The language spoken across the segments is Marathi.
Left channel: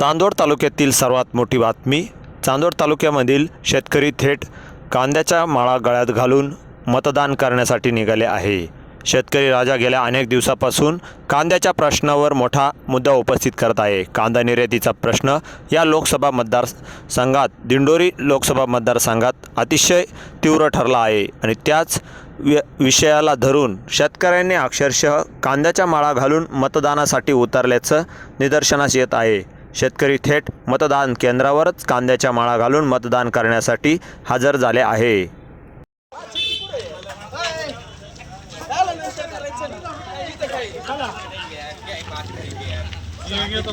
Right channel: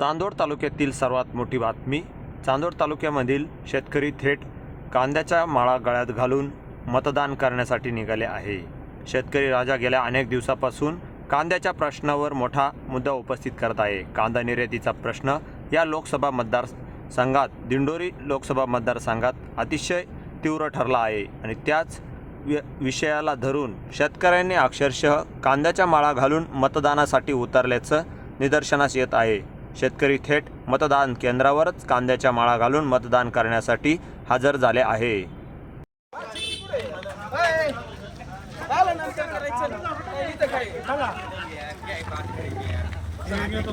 चांदोड तालुक्यातील सर्वात मोठी बातमी चांदोड तालुक्यामधील शेतकरी थेट कांद्याच्या माळा गळ्यात घालून मतदान करण्यासाठी निघाले आहे. शेतकरी राजा गेल्या अनेक दिवसापासून कांद्याच्या प्रश्नावर मोठा मुद्दा उपस्थित करत आहे. कांदा निर्यातीचा प्रश्न या लोकसभा मतदारसंघात दिंडोरी लोकसभा मतदारसंघात अतिशय तीव्र ठरला आहे आणि त्याच वि विषयाला धरून शेतकऱ्यांनी अक्षरशः कांद्याच्या माळा घालून मतदानासाठी उतरल्याचं निदर्शनास येत आहे. शेतकरी थेट मतदान केंद्रावरच कांद्याच्या माळा घालून मतदान करण्यासाठी हजर झाले आहे. ये तो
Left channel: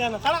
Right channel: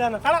ना चला.